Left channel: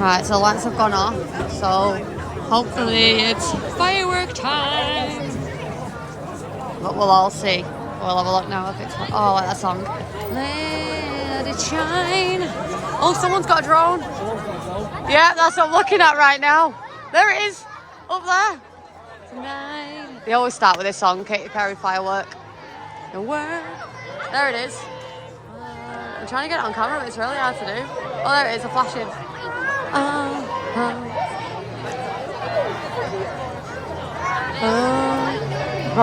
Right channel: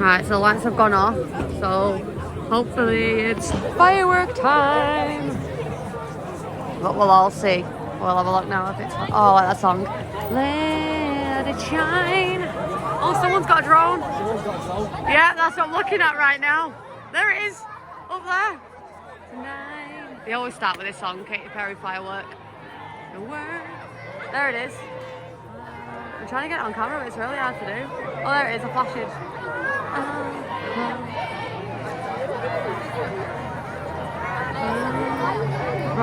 Right, so the lights have gone off, so hopefully it's firework time. But we'll all see. We'll have a look now if it's... Oh, I like that song. Let it shine. Oh, someone's got a drone. Yeah, that's what I'm looking at right now. There it is, up there. Tonight. They always start with this song, Katy Perry, Firework. The word. There it is. I'm trying to get it on camera, but it's really hard to do. Oh, there it is, a flashing.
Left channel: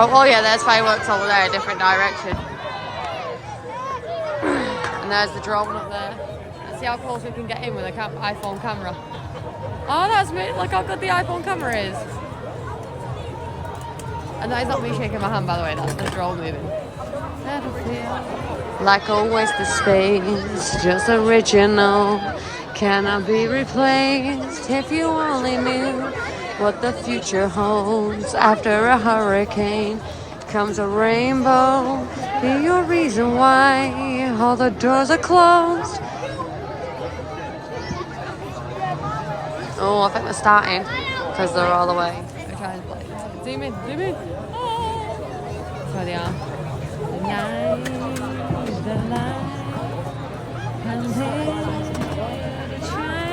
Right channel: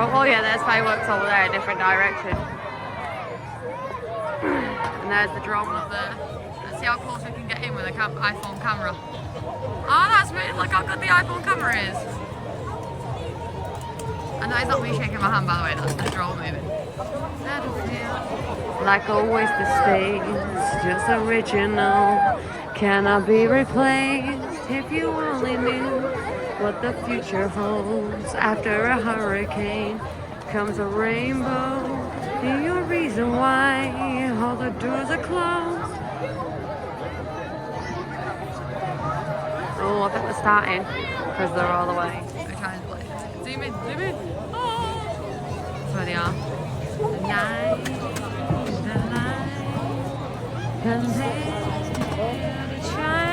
Oh yeah, there's fireworks over there, a different direction. And there's the drone up there. Let's see how close we can get in with the iPhone camera. Oh, that's me. Look how good the iPhone camera is. And that is not me shaking my hand, by the way. That's the drone moving. Like a waste of space, just original. Cannot be replaced. If you only knew what the future holds. After a hurricane comes a rainbow. Be your reason why all the doors are closed. Oh, I think we're starting because they're all the way. We're trying to play. Zoom in, zoom in. Oh. There they are. The night, the light, continue to shine.